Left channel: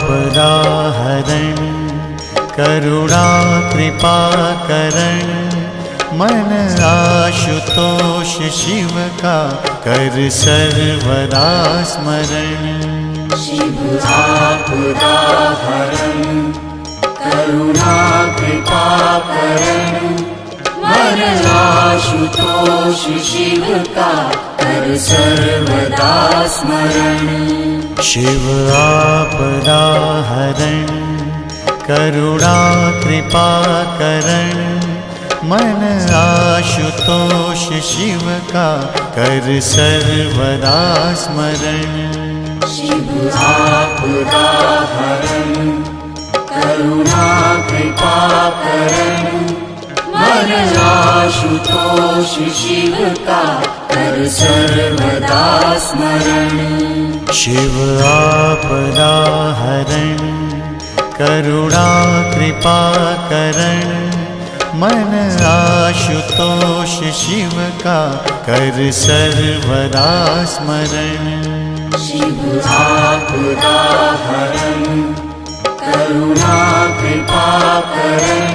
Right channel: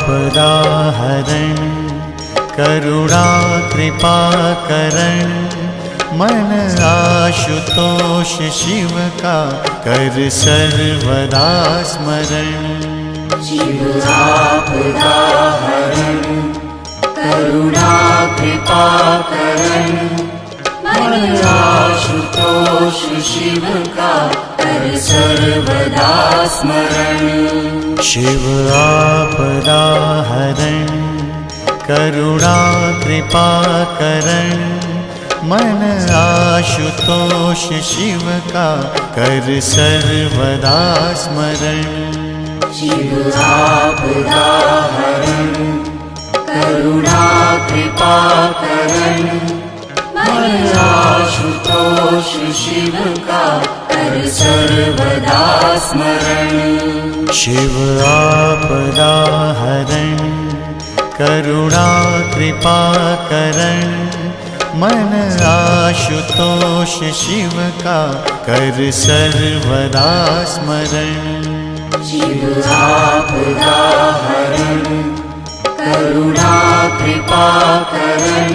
आपदाहरण करुणा कृपा करण मन आशुतोष शिव का कर सर्वदा स्मरण। शिव आपदाहरण करुणा कृपा करण मन आशुतोष शिव का कर सर्वदा स्मरण। शिव आपदाहरण करुणा कृपा करण मन आशुतोष शिव का कर सर्वदा स्मरण। शिव आपदाहरण करुणा कृपा करण मन आशुतोष शिव का कर सर्वदा स्मरण। शिव आपदाहरण करुणा कृपा करण मन आशुतोष शिव का कर सर्वदा स्मरण। शिव आपदाहरण करुणा कृपा करण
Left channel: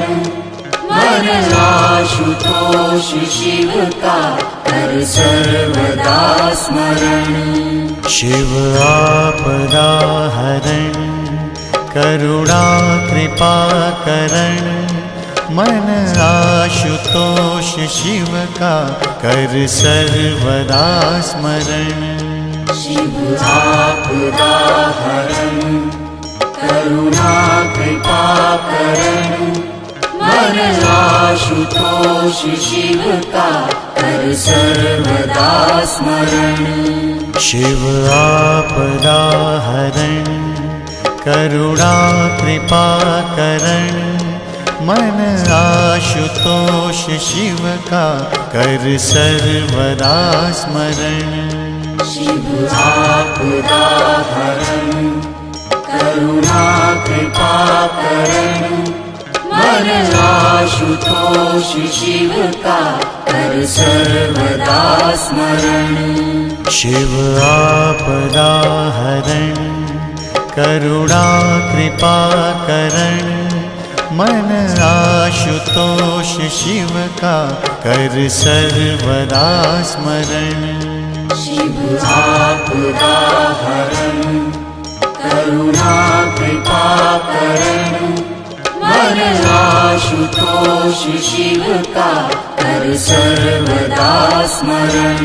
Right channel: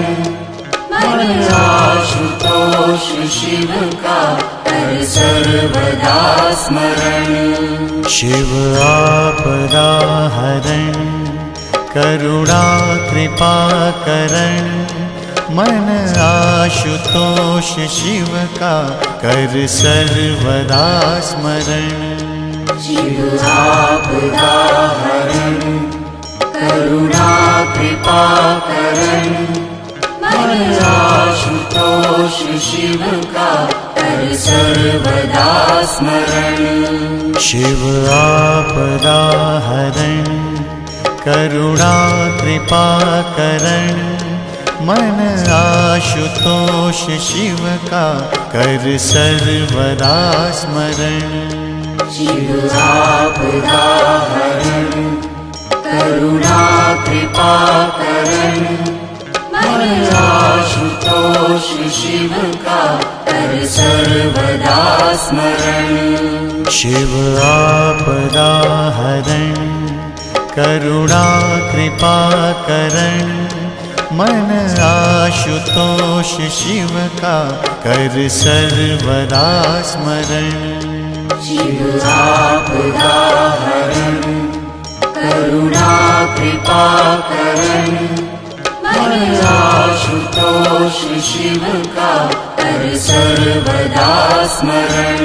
मन आशुतोष शिव का कर सर्वदा स्मरण। शिव आपदाहरण करुणा कृपा करण मन आशुतोष शिव का कर सर्वदा स्मरण। शिव आपदाहरण करुणा कृपा करण मन आशुतोष शिव का कर सर्वदा स्मरण। शिव आपदाहरण करुणा कृपा करण मन आशुतोष शिव का कर सर्वदा स्मरण। शिव आपदाहरण करुणा कृपा करण मन आशुतोष शिव का कर सर्वदा स्मरण। शिव आपदाहरण करुणा कृपा करण मन आशुतोष शिव का कर सर्वदा स्मरण। शिव आपदाहरण करुणा कृपा करण मन आशुतोष शिव का कर सर्वदा स्मरण।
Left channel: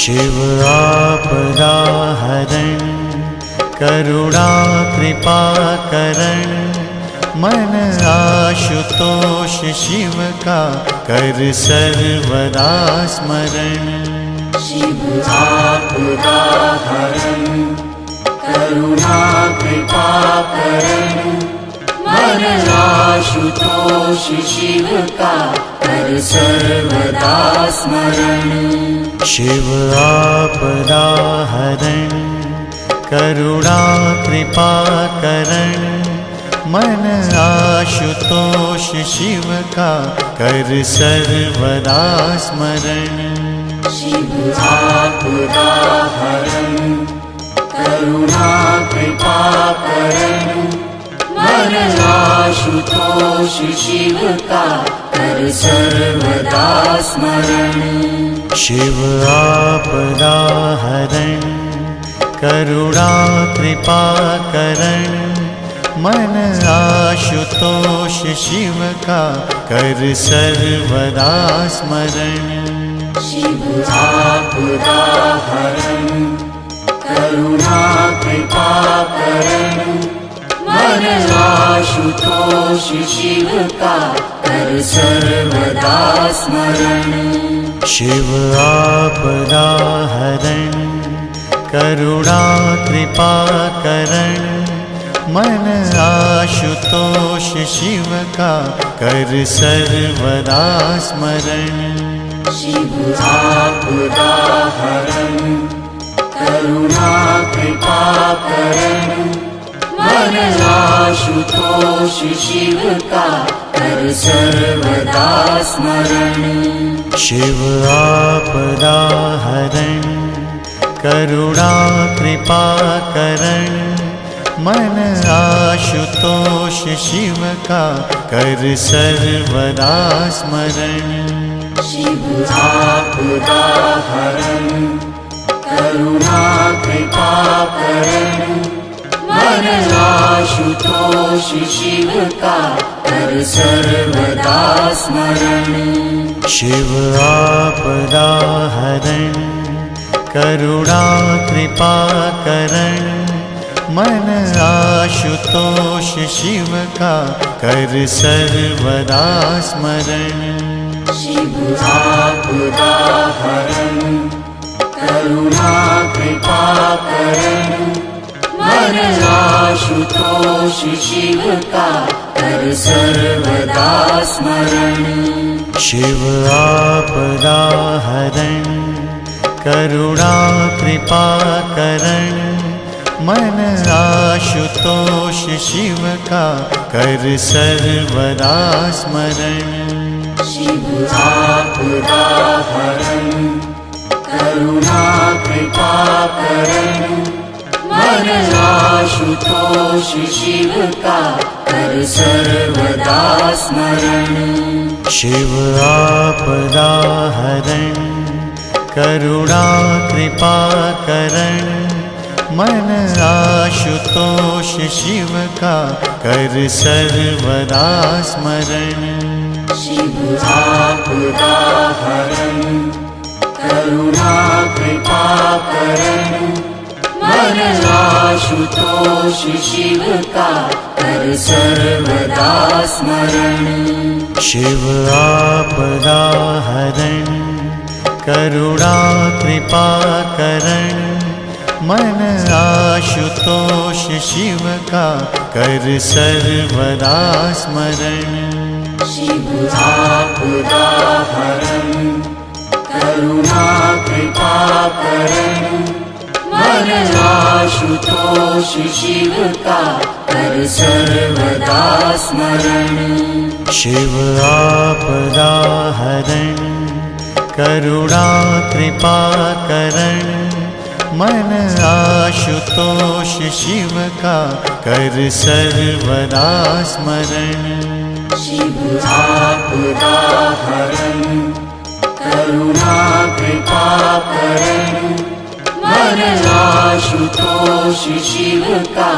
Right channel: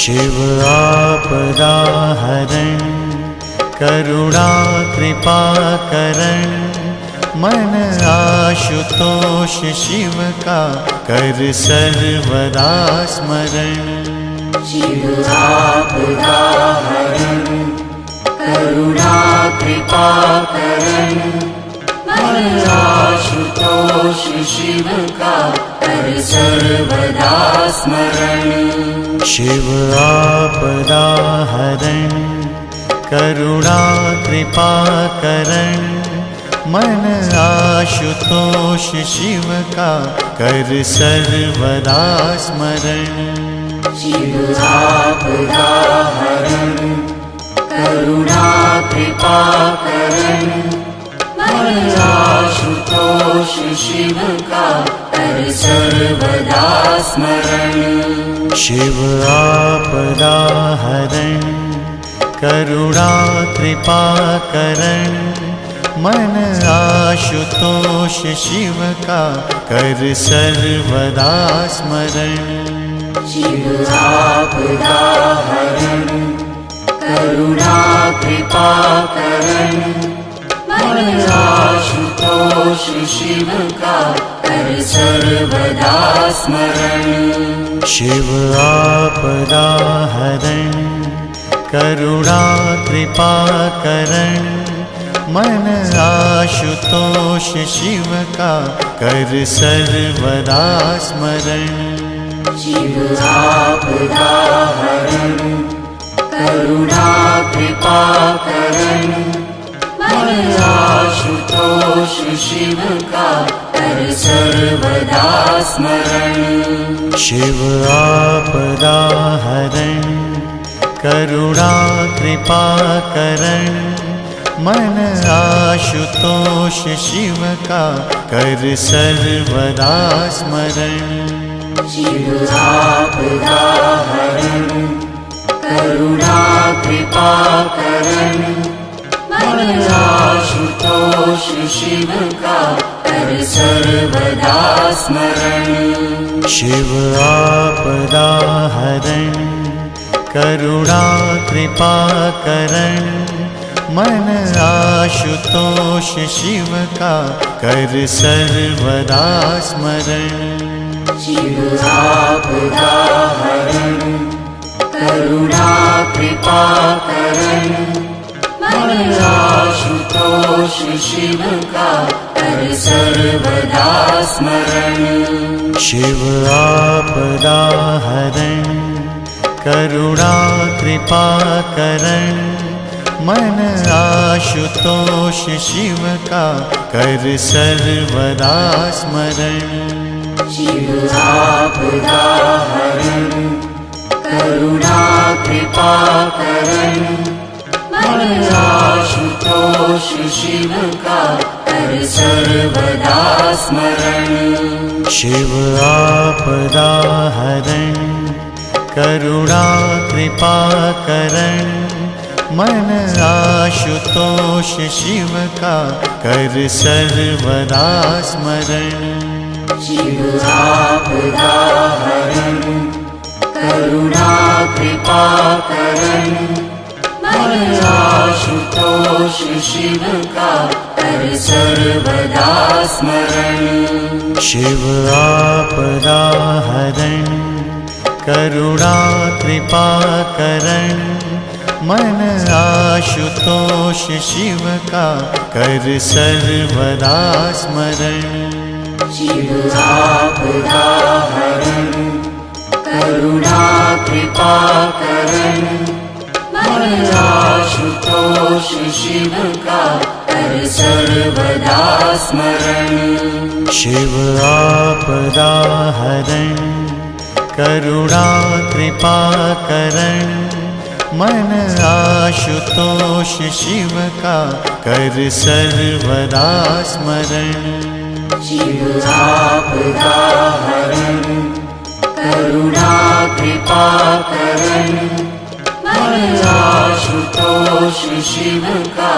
शिव आपदाहरण करुणा कृपा करण मन आशुतोष शिव का कर सर्वदा स्मरण। शिव आपदाहरण करुणा कृपा करण मन आशुतोष शिव का कर सर्वदा स्मरण। शिव आपदाहरण करुणा कृपा करण मन आशुतोष शिव का कर सर्वदा स्मरण। शिव आपदाहरण करुणा कृपा करण मन आशुतोष शिव का कर सर्वदा स्मरण। शिव आपदाहरण करुणा कृपा करण मन आशुतोष शिव का कर सर्वदा स्मरण। शिव आपदाहरण करुणा कृपा करण मन आशुतोष शिव का कर सर्वदा स्मरण। शिव आपदाहरण करुणा कृपा करण मन आशुतोष शिव का कर सर्वदा स्मरण। शिव आपदाहरण करुणा कृपा करण मन आशुतोष शिव का कर सर्वदा स्मरण। शिव आपदाहरण करुणा कृपा करण मन आशुतोष शिव का कर सर्वदा स्मरण। शिव आपदा हरण करुणा कृपा करण मन आशुतोष शिव का कर सर्वदा स्मरण। शिव आपदा हरण करुणा कृपा करण मन आशुतोष शिव का कर सर्वदा स्मरण। शिव आपदा हरण करुणा कृपा करण मन आशुतोष शिव का कर सर्वदा स्मरण। शिव आपदा हरण करुणा कृपा करण मन आशुतोष शिव का कर सर्वदा स्मरण। शिव आपदा हरण करुणा कृपा करण मन आशुतोष शिव का कर सर्वदा स्मरण। शिव आपदा हरण करुणा कृपा करण मन आशुतोष शिव का कर सर्वदा स्मरण। शिव आपदा हरण करुणा कृपा करण मन आशुतोष शिव का कर सर्वदा स्मरण। शिव आपदा हरण करुणा कृपा करण मन आशुतोष शिव का कर सर्वदा स्मरण। शिव आपदा हरण करुणा कृपा करण मन आशुतोष शिव का कर सर्वदा स्मरण। शिव आपदा हरण करुणा कृपा करण मन आशुतोष शिव का कर सर्वदा स्मरण। शिव आपदा हरण करुणा कृपा करण मन आशुतोष शिव का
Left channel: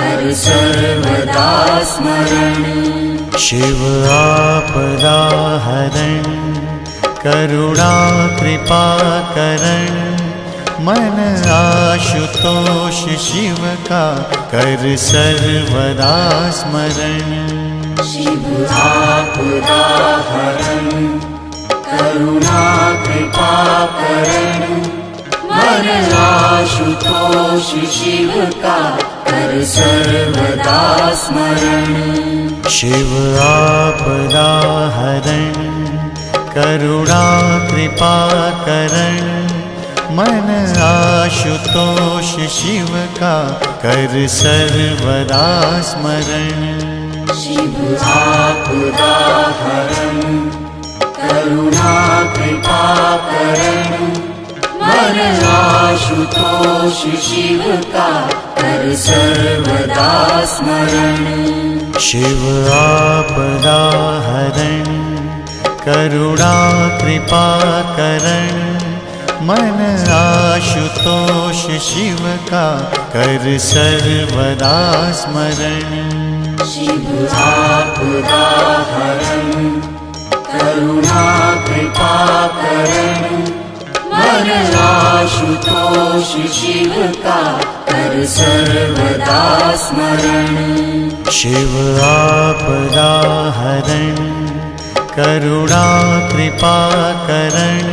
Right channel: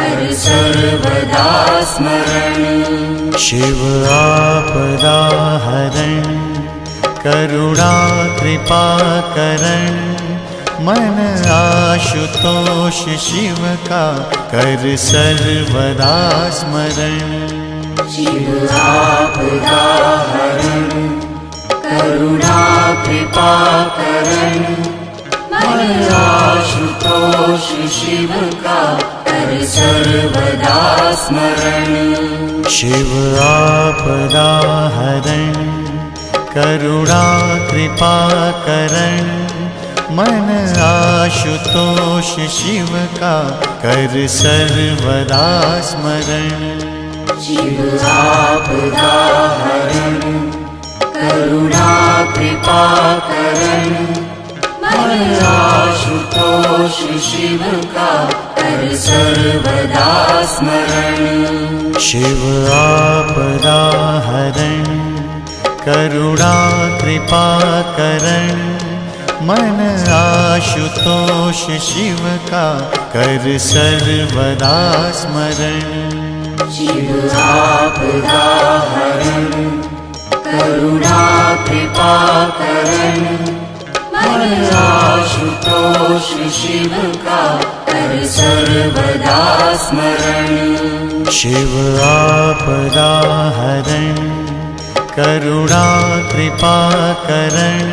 कर सर्वदा स्मरण। शिव आपदा हरण करुणा कृपा करण मन आशुतोष शिव का कर सर्वदा स्मरण। शिव आपदा हरण करुणा कृपा करण मन आशुतोष शिव का कर सर्वदा स्मरण। शिव आपदा हरण करुणा कृपा करण मन आशुतोष शिव का कर सर्वदा स्मरण। शिव आपदा हरण करुणा कृपा करण मन आशुतोष शिव का कर सर्वदा स्मरण। शिव आपदा हरण करुणा कृपा करण मन आशुतोष शिव का कर सर्वदा स्मरण। शिव आपदा हरण करुणा कृपा करण मन आशुतोष शिव का कर सर्वदा स्मरण। शिव आपदा हरण करुणा कृपा करण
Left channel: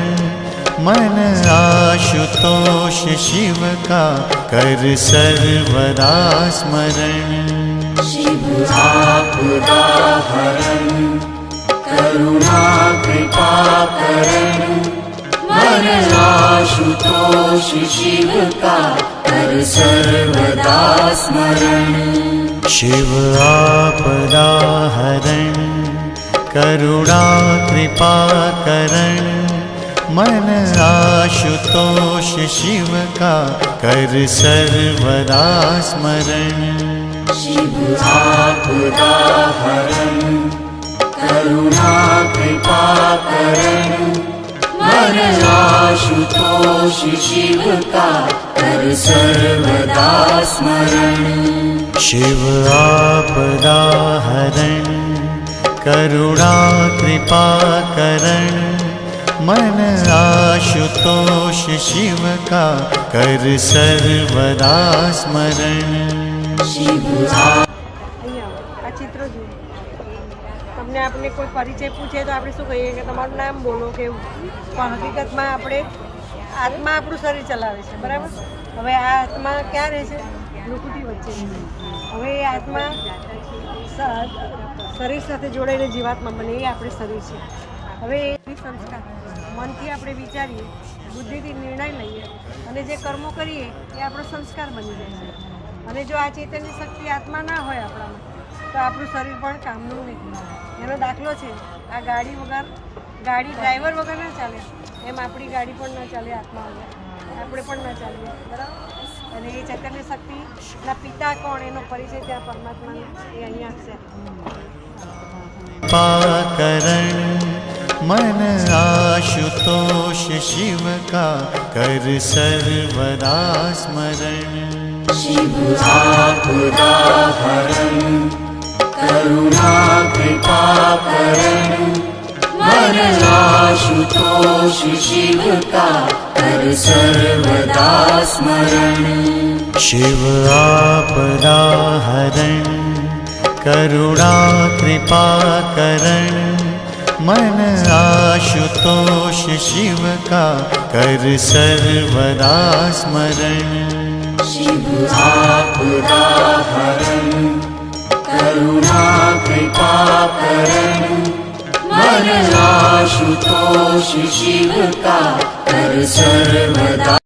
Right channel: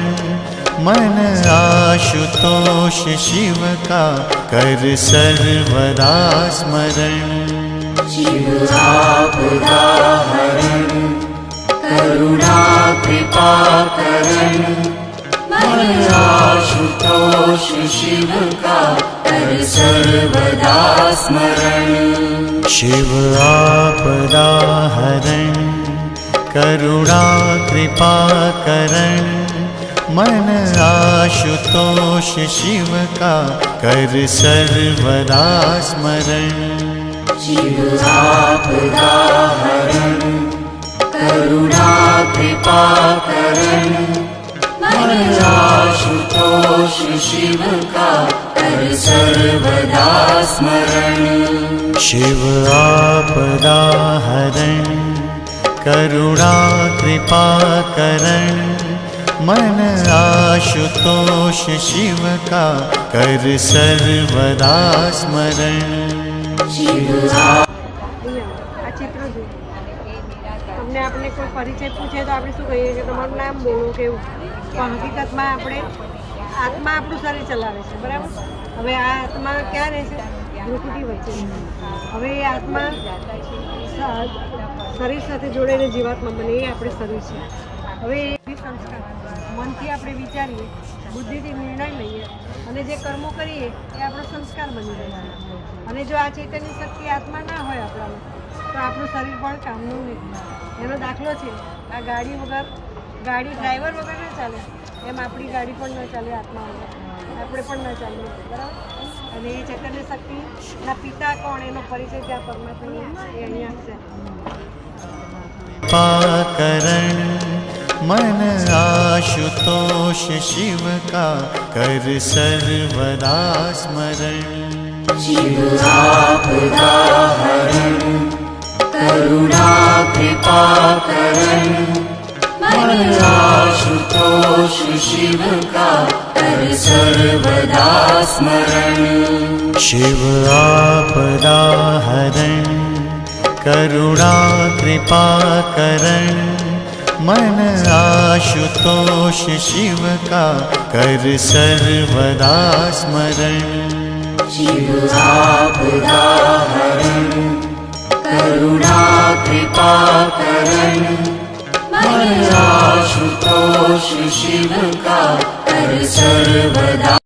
मन आशुतोष शिव का कर सर्वदा स्मरण। शिव आपदा हरण करुणा कृपा करण मन आशुतोष शिव का कर सर्वदा स्मरण। शिव आपदा हरण करुणा कृपा करण मन आशुतोष शिव का कर सर्वदा स्मरण। शिव आपदा हरण करुणा कृपा करण मन आशुतोष शिव का कर सर्वदा स्मरण। शिव आपदा हरण करुणा कृपा करण मन आशुतोष शिव का कर सर्वदा स्मरण। આ ચિત્ર જુઓ. તમને આપણે કોઈ પરિચય પૂછે તો આપણે શું કહીએ કે તમારું નામ બોલો કે એવું. પણ હકીકતમાં આપણે આત્મા આપણું શરીર ચલાવે છે, બરાબર. હવે આ આત્મા ક્યાં રહે છે? ભ્રુકુટી વચ્ચે. હવે એ આત્મા શરીર સાથે જોડાઈને જીવાત્મા બને, એ આપણે શરીર છે. હવે એ સંસ્કાર મનથી આપણે વિચારીએ, બુદ્ધિથી નિર્ણય લઈએ અને જે કર્મો કરીએ એ આપણો સંસ્કાર બની જાય. અને જો આ ચૈતન્ય શક્તિ આત્મા ના હોય આપણામાં તો આપણું શરીર પણ કામનું નહીં. એનો દાખલો છે, આ ગાડી વગર, ગાડી ડ્રાઈવર વગર ના ચાલે, એમ આપણી ગાડી પણ ના ચાલે આત્મા વગર, આપણે પણ ના ચાલીએ, બરાબર. અને એ ચૈતન્ય શક્તિના પિતા કોણ એનો પરિચય ત્યાં પરમાત્માનો એ અહીંયા આપશે. पाकरण मन आशुतोष शिव का कर सर्वदा स्मरण। शिव आपदा हरण करुणा कृपा करण मन आशुतोष शिव का कर सर्वदा स्मरण। शिव आपदा हरण करुणा कृपा करण मन आशुतोष शिव का कर सर्वदा स्मरण। शिव आपदा हरण करुणा कृपा करण मन आशुतोष शिव का कर सर्वदा